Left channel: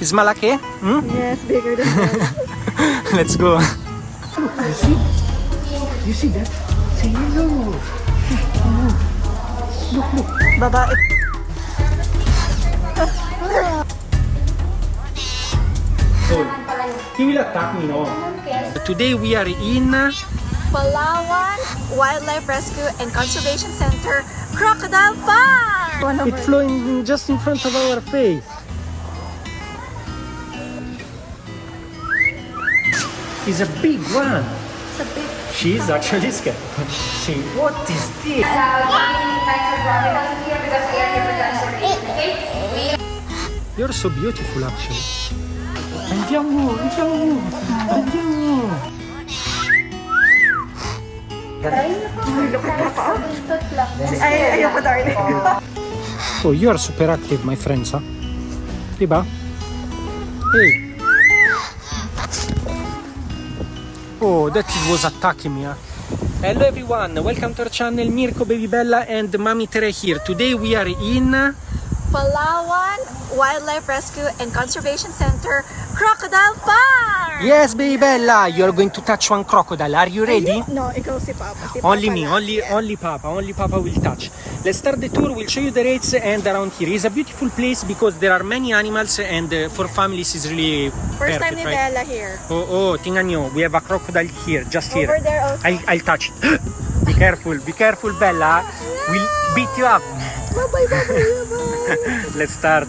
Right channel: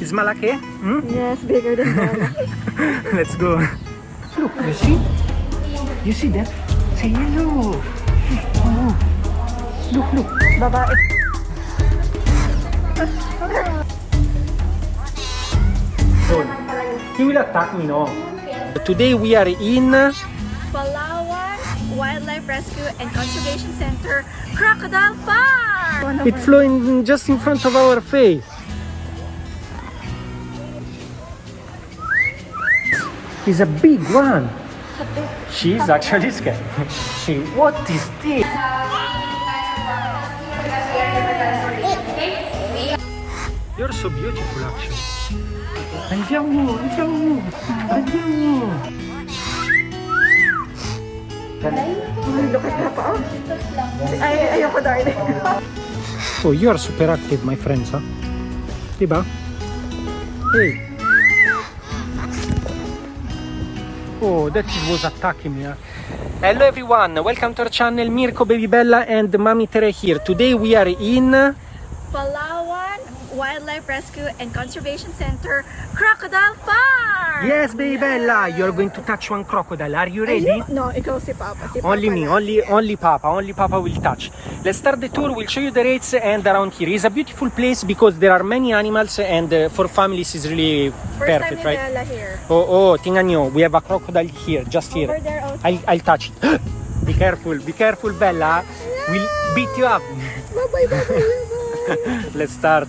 Is malaki? Hmm? Yes, bigger than Bella. Let's go. You see? You see that? Say hello. Oh. Look. Babae. So, he will attack me, no? Today we are in Palawan Wildlife Rescue and Conservation Center, Crocodile Farm! It's flowing just in front of our face. It's a big one. It's a big... She's actually scared. See, what is this? You're so beautiful, actually. Andiamo. Look at that, pa. Ayoko darling. Oh, you are super active, my friends, huh? Diba? Hey. Oh, that was attacking me, huh? Hello everyone, welcome to our channel, Mirco, Baby Bella and Mommy Tere here. Today we are in Palawan Wildlife Rescue and Conservation Center, Crocodile Farm! Yes, Baby Bella, you are going to touch one crocodile. Are you ready? No, ikaw si Papa. Only me, only Papa will touch. Let's start the tour, we'll show you the rates and around here. It's a beautiful place because there are many animals and for families it's really perfect, right? Bella here. Oh, tingnan nyo, we have a crocodile here, just here. Over there also. I'll touch it. Be careful, Bella. We'll beat you up. Bye-bye. Let's start.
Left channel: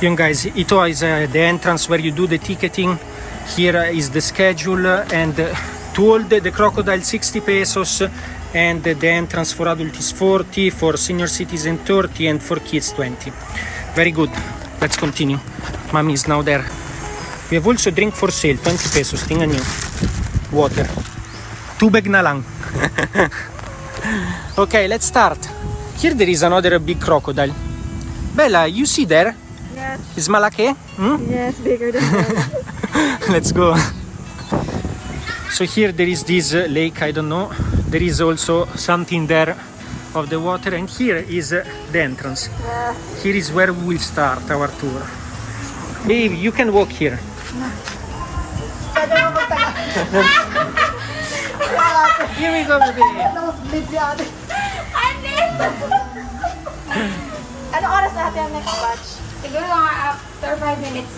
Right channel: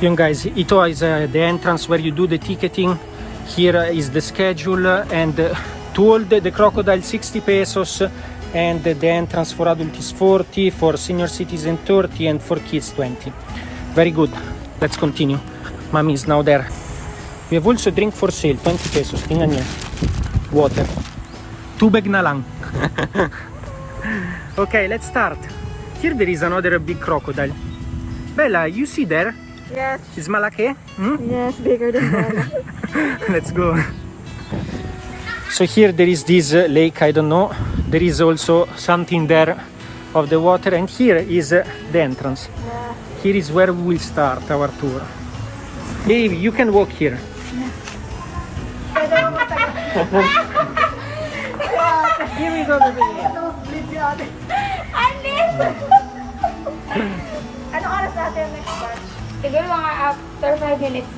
Yun guys, ito is the entrance where you do the ticketing. Here is the schedule and to hold the crocodile 60 pesos and the entrance for adult is 40, for senior citizen 30 and for kids 20. Very good. Let's continue. Mommy is now there. We have also drink for sale, 20 pesos. Tingnan nyo. Water. Tubig na lang. Okay, let's start. Here there is another big crocodile. Bella, you see there? Yes. Is malaki? Hmm? Yes, bigger than Bella. Let's go. So here there is this lake, I don't know. There is also something there of the water and here is the entrance. Yes. Here is where we will start our tour. Baby, you can walk here. Here we go, baby. Ano oras natin ang next batch? Siguro mga after 5 minutes.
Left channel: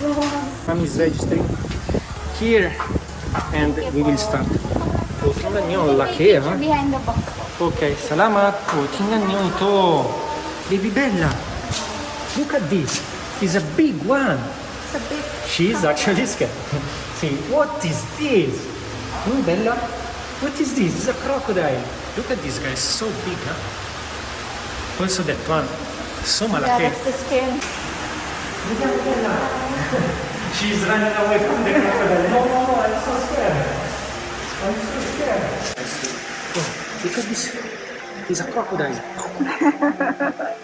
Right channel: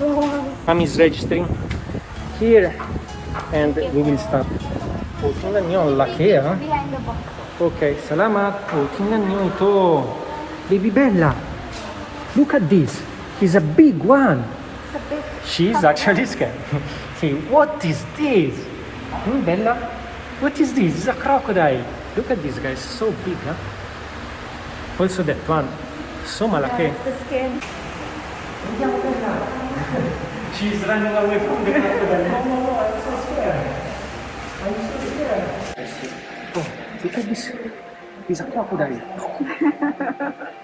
Mom is registering here and we will start. Oh, tingnan nyo, laki ha. Behind the box. Okay, salamat. Oh, tingnan nyo ito. Baby Bella, look at this. It's a big one. It's a big... She's actually scared. See, what is this? Bella, what is this? It's a crocodile. Look at this, guys. So big, huh? Also that one. So malaki. That's the skin. She's running away from the crocodile. No, I'm so scared. Oh, look at this. It's a crocodile.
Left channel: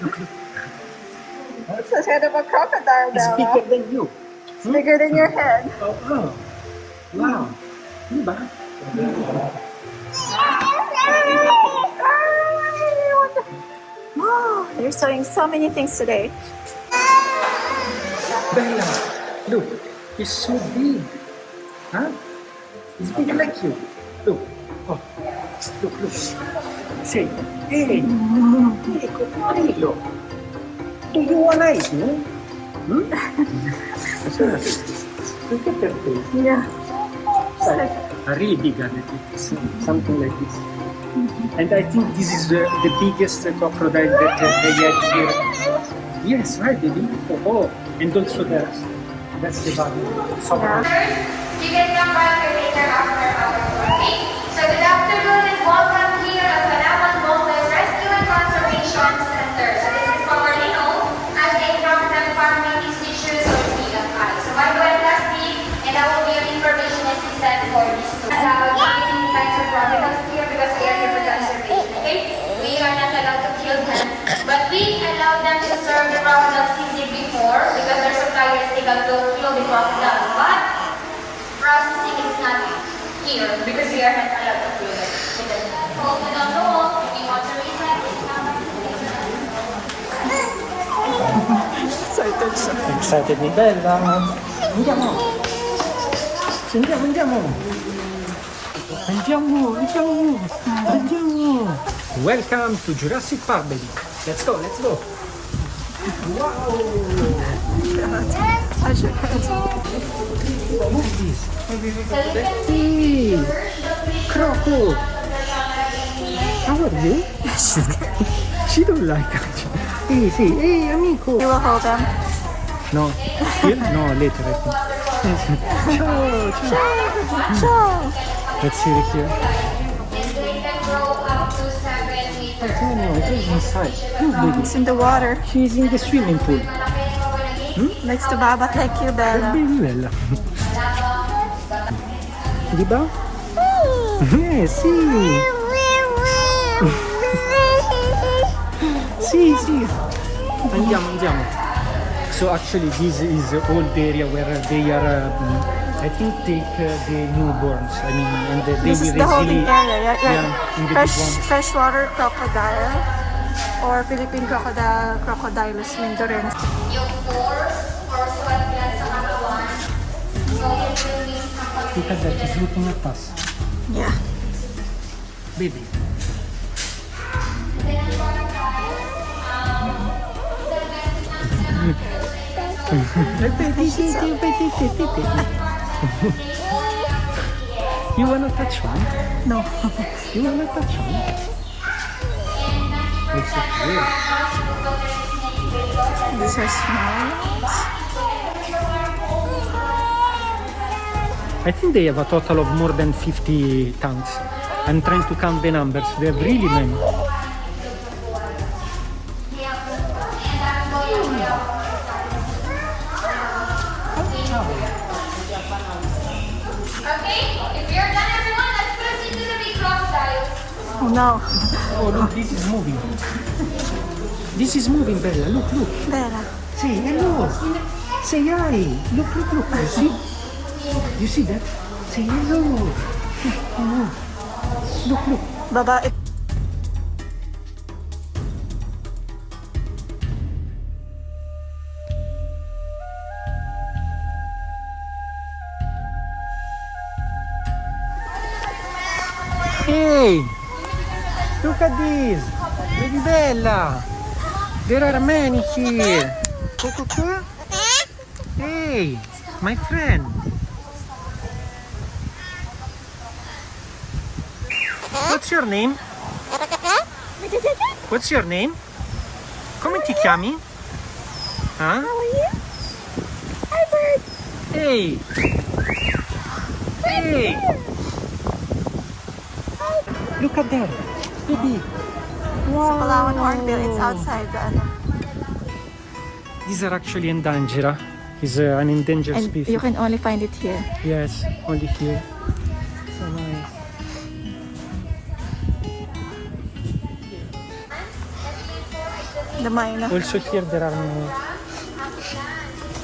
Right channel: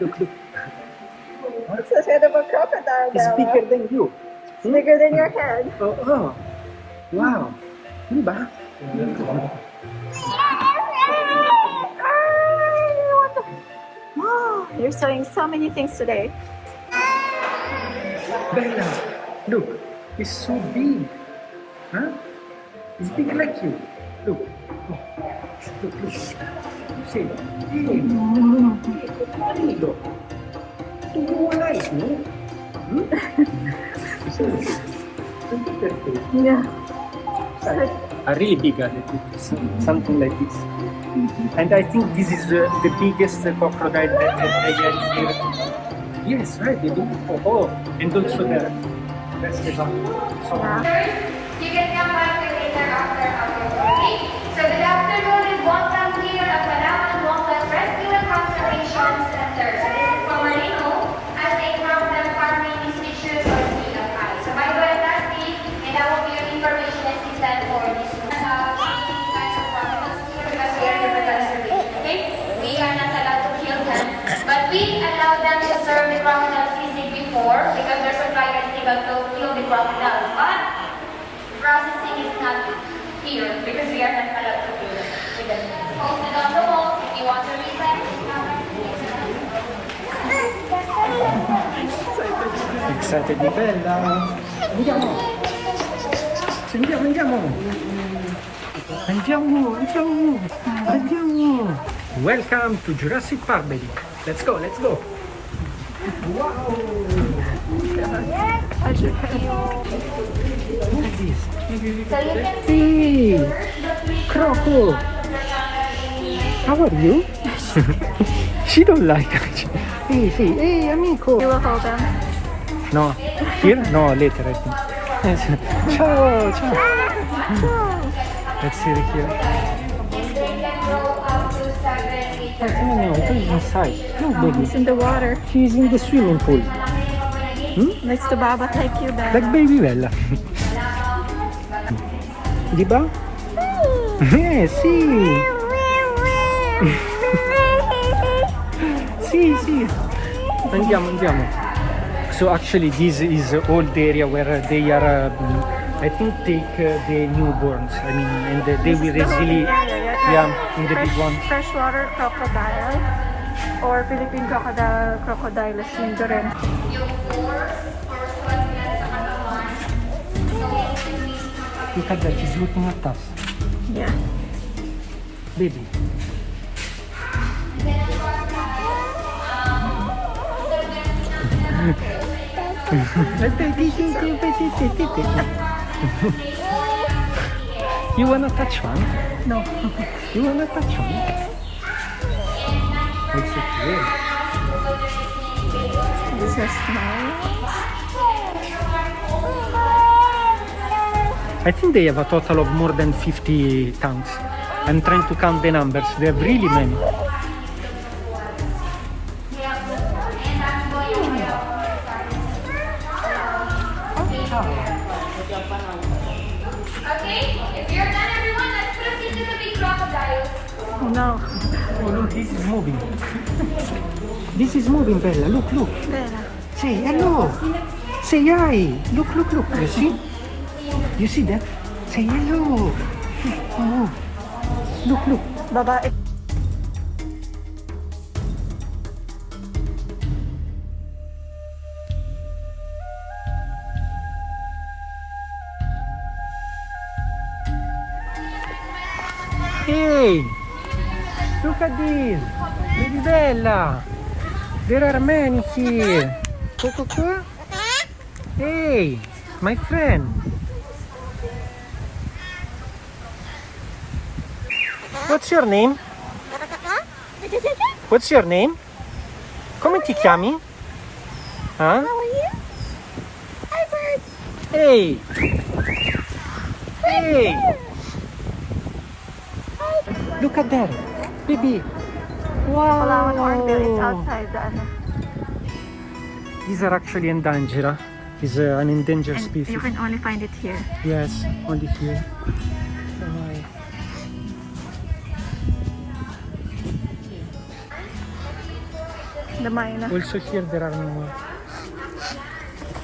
Look. It's the head of a crocodile, It's Bella. bigger than you. It's bigger than your head. Oh. Wow. Diba? Oh, you're showing so many things today. Bella, look. It's so big. Huh? It's big like you. Look. Oh. Look. Say, hey, Crocodile. Do you want ice, no? Look at that face. Yeah. A really big one, something like this. And I think this is the biggest crocodile that they had here. Yes, right, baby. Oh, and also that's the bottom. So, Yeah. You can come back later after our okay? So good afternoon and welcome here at Palawan Wildlife Rescue and Conservation Center. So this is formerly known as a crocodile farming institution or CFI. So I'm going plastic and I will be your information assistant for this tour. Many kinds of crocodiles here because we are here for conservation, okay? We are not allowed to kill them, but we allow them to serve the crocodile season before because their suppliers they got to kill the crocodile. But processing is not here because we are not allowed to do that. Hold it on the wall if you want to read that. Excited siya. Excited di Bella. Andiamo. Andiamo, andiamo. Andiamo, andiamo. Andiamo. Welcome to Jurassic Park, baby. Let's go, let's go. Wow. How's your head? Look at this. Hey, Croco. How are you? She don't like it. Hey, see, hey, amico. You will hold them. No, here? No, later, I think. Ciao, ciao. Ciao. Let's see it here. She's inside. Oh, baby. It's in the water. She's in the swimming pool. Next to Baba. Thank you, Like Bella. baby Bella. Di ba? Sì. Sì. Andiamo, andiamo. So actually this is all the area where they are, I think, take the newborns. I mean, and they This will is the holding easily, area. yeah, in the big one. Freshwater crocodile or Philippine crocodile, Crocodiles mindoren. Look at that, he's looking at us. Yeah. Baby. You wanna touch one? No. You wanna touch one? What's it here? These are small ones. I think they have a total of more than 50 tanks. I'm trying to count the numbers. They have really many. Okay, if you're done, everyone, let's proceed to the big crocodile. Oh no. Oh, look, this is moving. This is moving, Bella. Look, look. Bella. Say hello. Say hi. Look, look, look. You see? You see that? Say hello. Hello. Look, look. Baba, Hey! Look at this! Baby Bella! There are many here! Coco qua? Hey! My friend! What's your name? What's your name? Come ti chiami? Huh? how are you? Hi, bird. Hey! Hey! Look at that! Baby! Palawan hornbill. It's outside the ano. These are actually endangered. It's an endangered And species. you can only find it here. Yes, only here. The Maina. Also here there are no...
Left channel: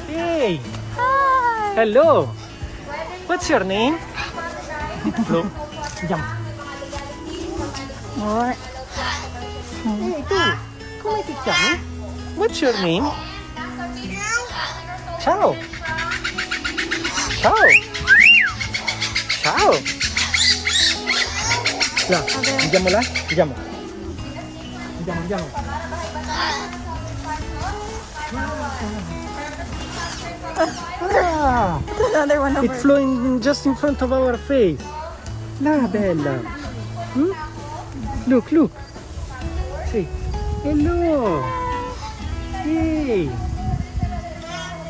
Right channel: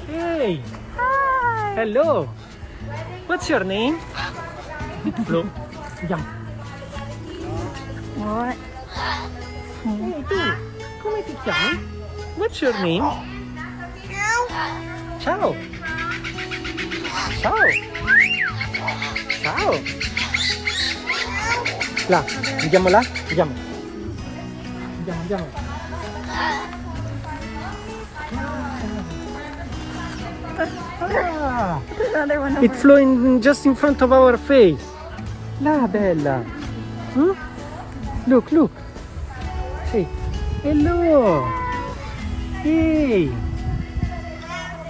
Hey! Hi. Hello! What's your name? Hello. Jump. What? Hey, tu! Come ti chiami? What's your name? Ciao! Ciao! Ciao! Là, andiamo là? Andiamo. Andiamo. Ah! Another one over. It's flowing just in front of our face. La bella. Hmm? Look, look. Hey. Hello. Hey.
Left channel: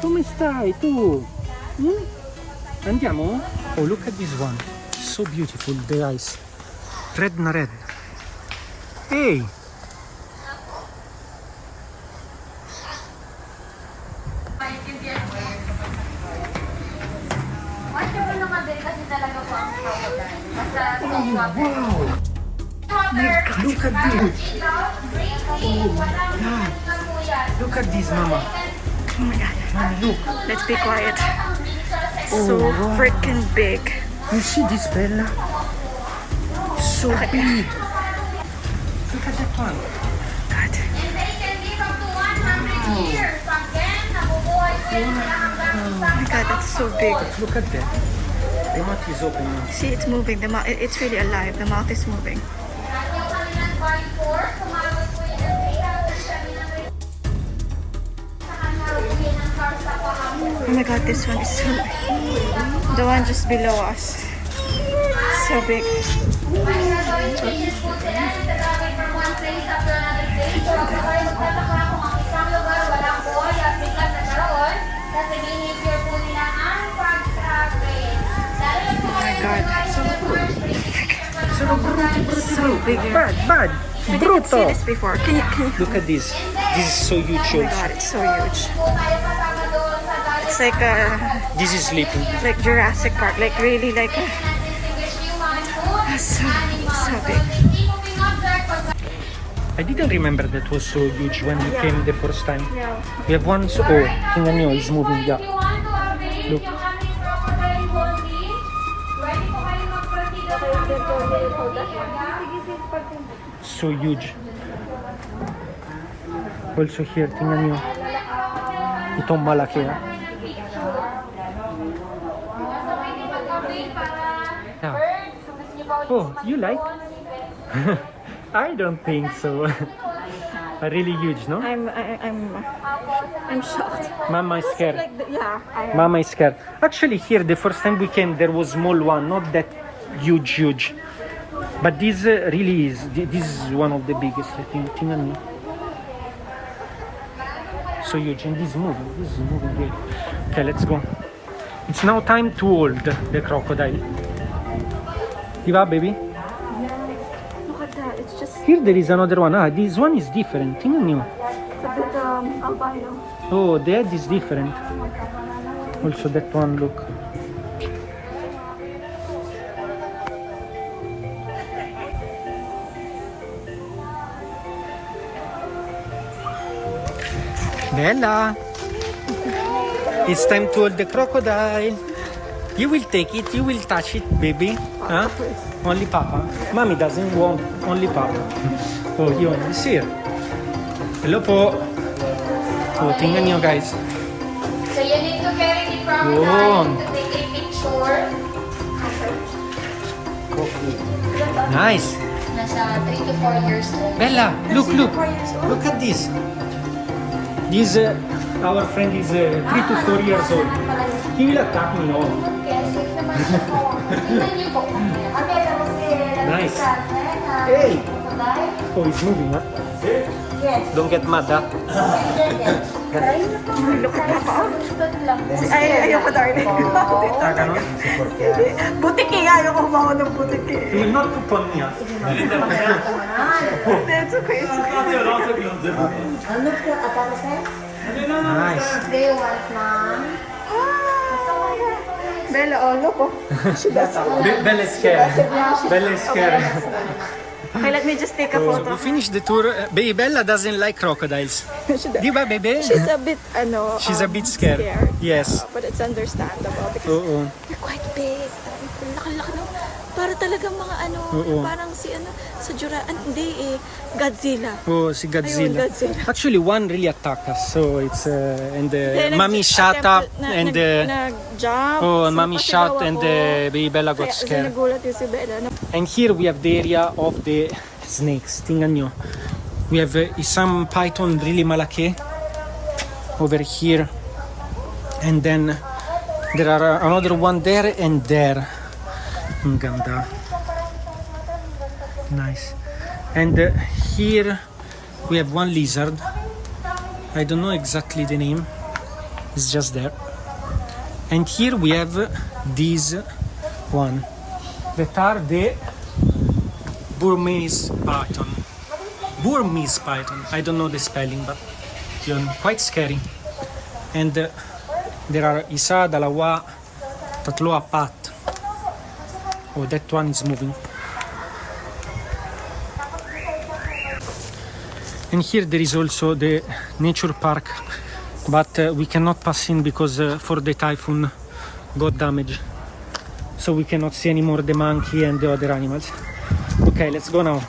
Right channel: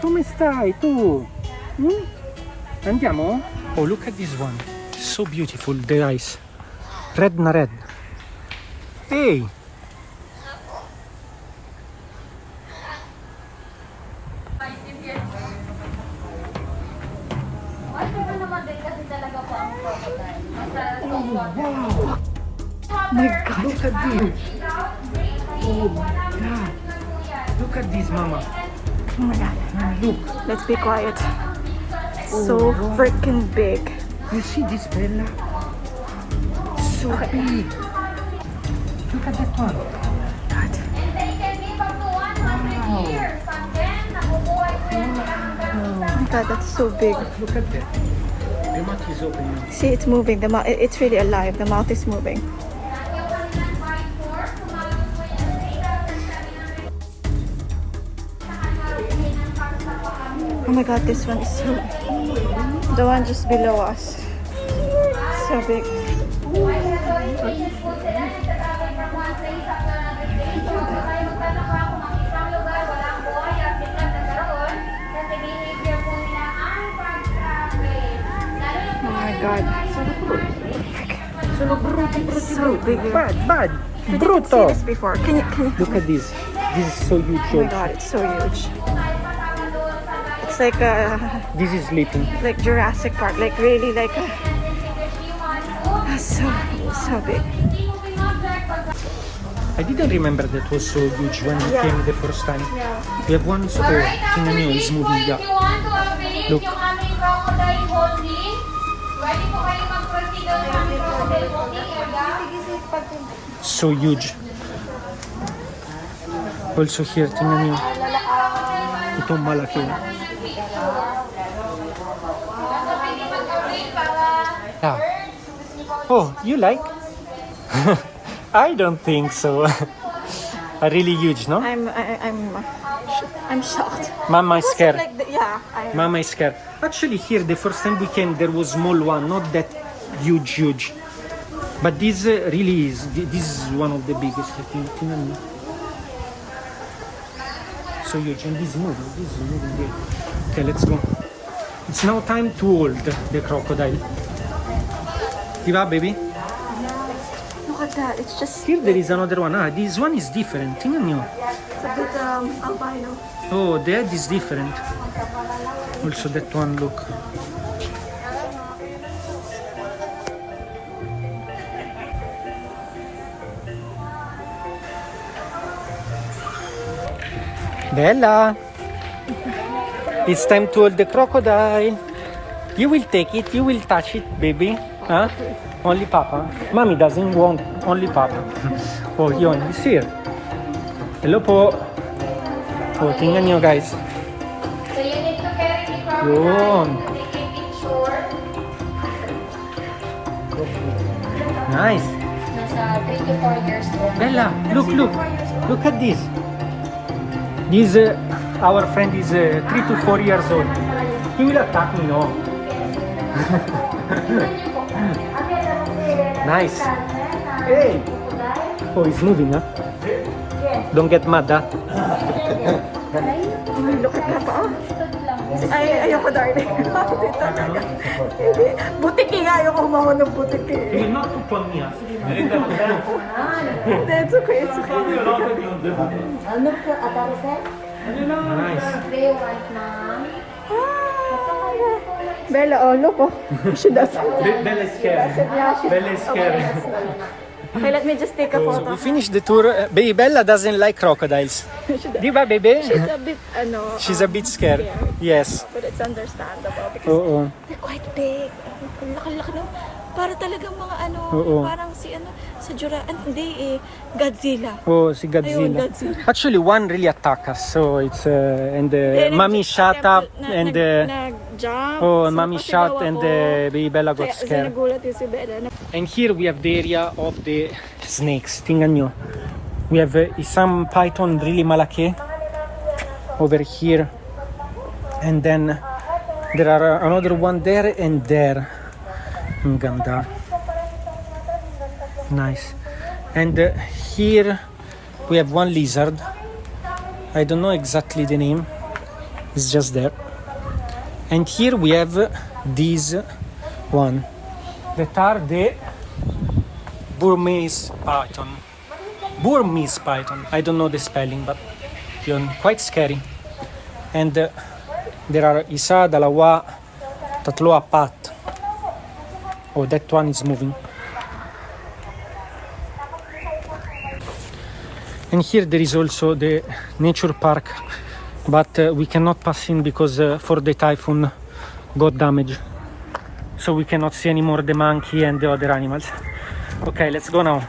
Come stai tu? Hmm? Andiamo? Oh, look at this one. So beautiful, the eyes. Red na red. Hey. Watch mo naman din kasi talaga po ang crocodile. Basta Wow. Look at this. Oh my God. Look at this, Mama. Oh my god. Mommy, look. Let's be quiet. So freaking big. You see this, Bella? So big. Look at that one. God. And they can live up to 100 years. Again, Oh my god, that's so big. Look at that. The mouth is open now. See, it's moving. The mouth, it's really alive. The mouth is moving. Oh my god, this one is so big. The one just below us. So big. Oh my god. So big. Bad. We didn't see this before. Can you? Look at this. This is so huge. Oh my god, it's so huge. It's like This is sleeping. like Jurassic Park, like really like so big. I didn't remember that was so huge when we Yeah. came the first time. Yeah. We have one. Oh, tingnan nyo, it's moving. Yeah. Look. So huge. Also here, tingnan nyo. Itong malaki. Ah. Oh, you like? I don't think so. Really huge, no? I'm shocked. Mama is scared. Like yeah. Mama is scared. Actually, here the first time we came, there was small one, not that huge. But this really is. This is one of the biggest, I think. Tingnan nyo. So huge, and this is moving. This is moving great. Okay, let's go. It's now time to hold the crocodile. Diba, baby? Look at that. It's just Here there is another one. Ah, this one is different. Tingnan nyo. it's a bit albino. Oh, the head is different. Also that one, look. Bella! It's time to hold the crocodile. You will take it, you will touch it, baby. Huh? Only Papa. Mommy doesn't want only Papa. Oh, yun. He's here. Hello po. Oh, tingnan nyo guys. So you need to carry the crocodile Yun. to take a picture. Nice. Nasa 3 to 4 years old. Bella, look. Look at this. This, our friend is 3 to 4 years old. He will attack me, no? Nice. Hey! Oh, he's moving, huh? Don't get mad, huh? Look at Papa. Ayoko darling. Hindi. Butiki nga. Ayoko humangon ng butiki. He will not poop on me, huh? Hindi, it's okay. It's okay. Nice. Do you want, mom? Bella, oh look, oh. She doesn't. Bella is scared. Yeah, she's Bella is scared. Okay, let me just take a So photo. we finished the tour. Baby Bella doesn't like crocodiles. She does. Diba, baby? She's a bit, She's a bit scared. Yes. But it's understandable because Oo. they're quite big. Ang laki-laki no. Para talagang mga Oo. parang si sa hindi Godzilla. Oh, si Godzilla. Ayun, Godzilla. Actually, one really attacked us. So it's and Then mommy shut up and nag-jump. oh, So, mommy shut pasigaw and ako. baby Bella got Kaya scared. nagulat yung si Bella. And here we have the area of the snakes. Tingnan nyo. We have some python really malaki over here. And then there are another one there and there. Ang ganda. Nice. And here we have one lizard. I don't know exactly the name. It's just there. And here we have this one. That are the Burmese python. Burmese python. I don't know the spelling, but yun, quite scary. And there are isa, dalawa, tatlo, apat. Oh, that one is moving. And here there is also the nature park, but we cannot pass in because for the typhoon got damaged. So we cannot see anymore the monkey and the other animals. Okay, let's go now.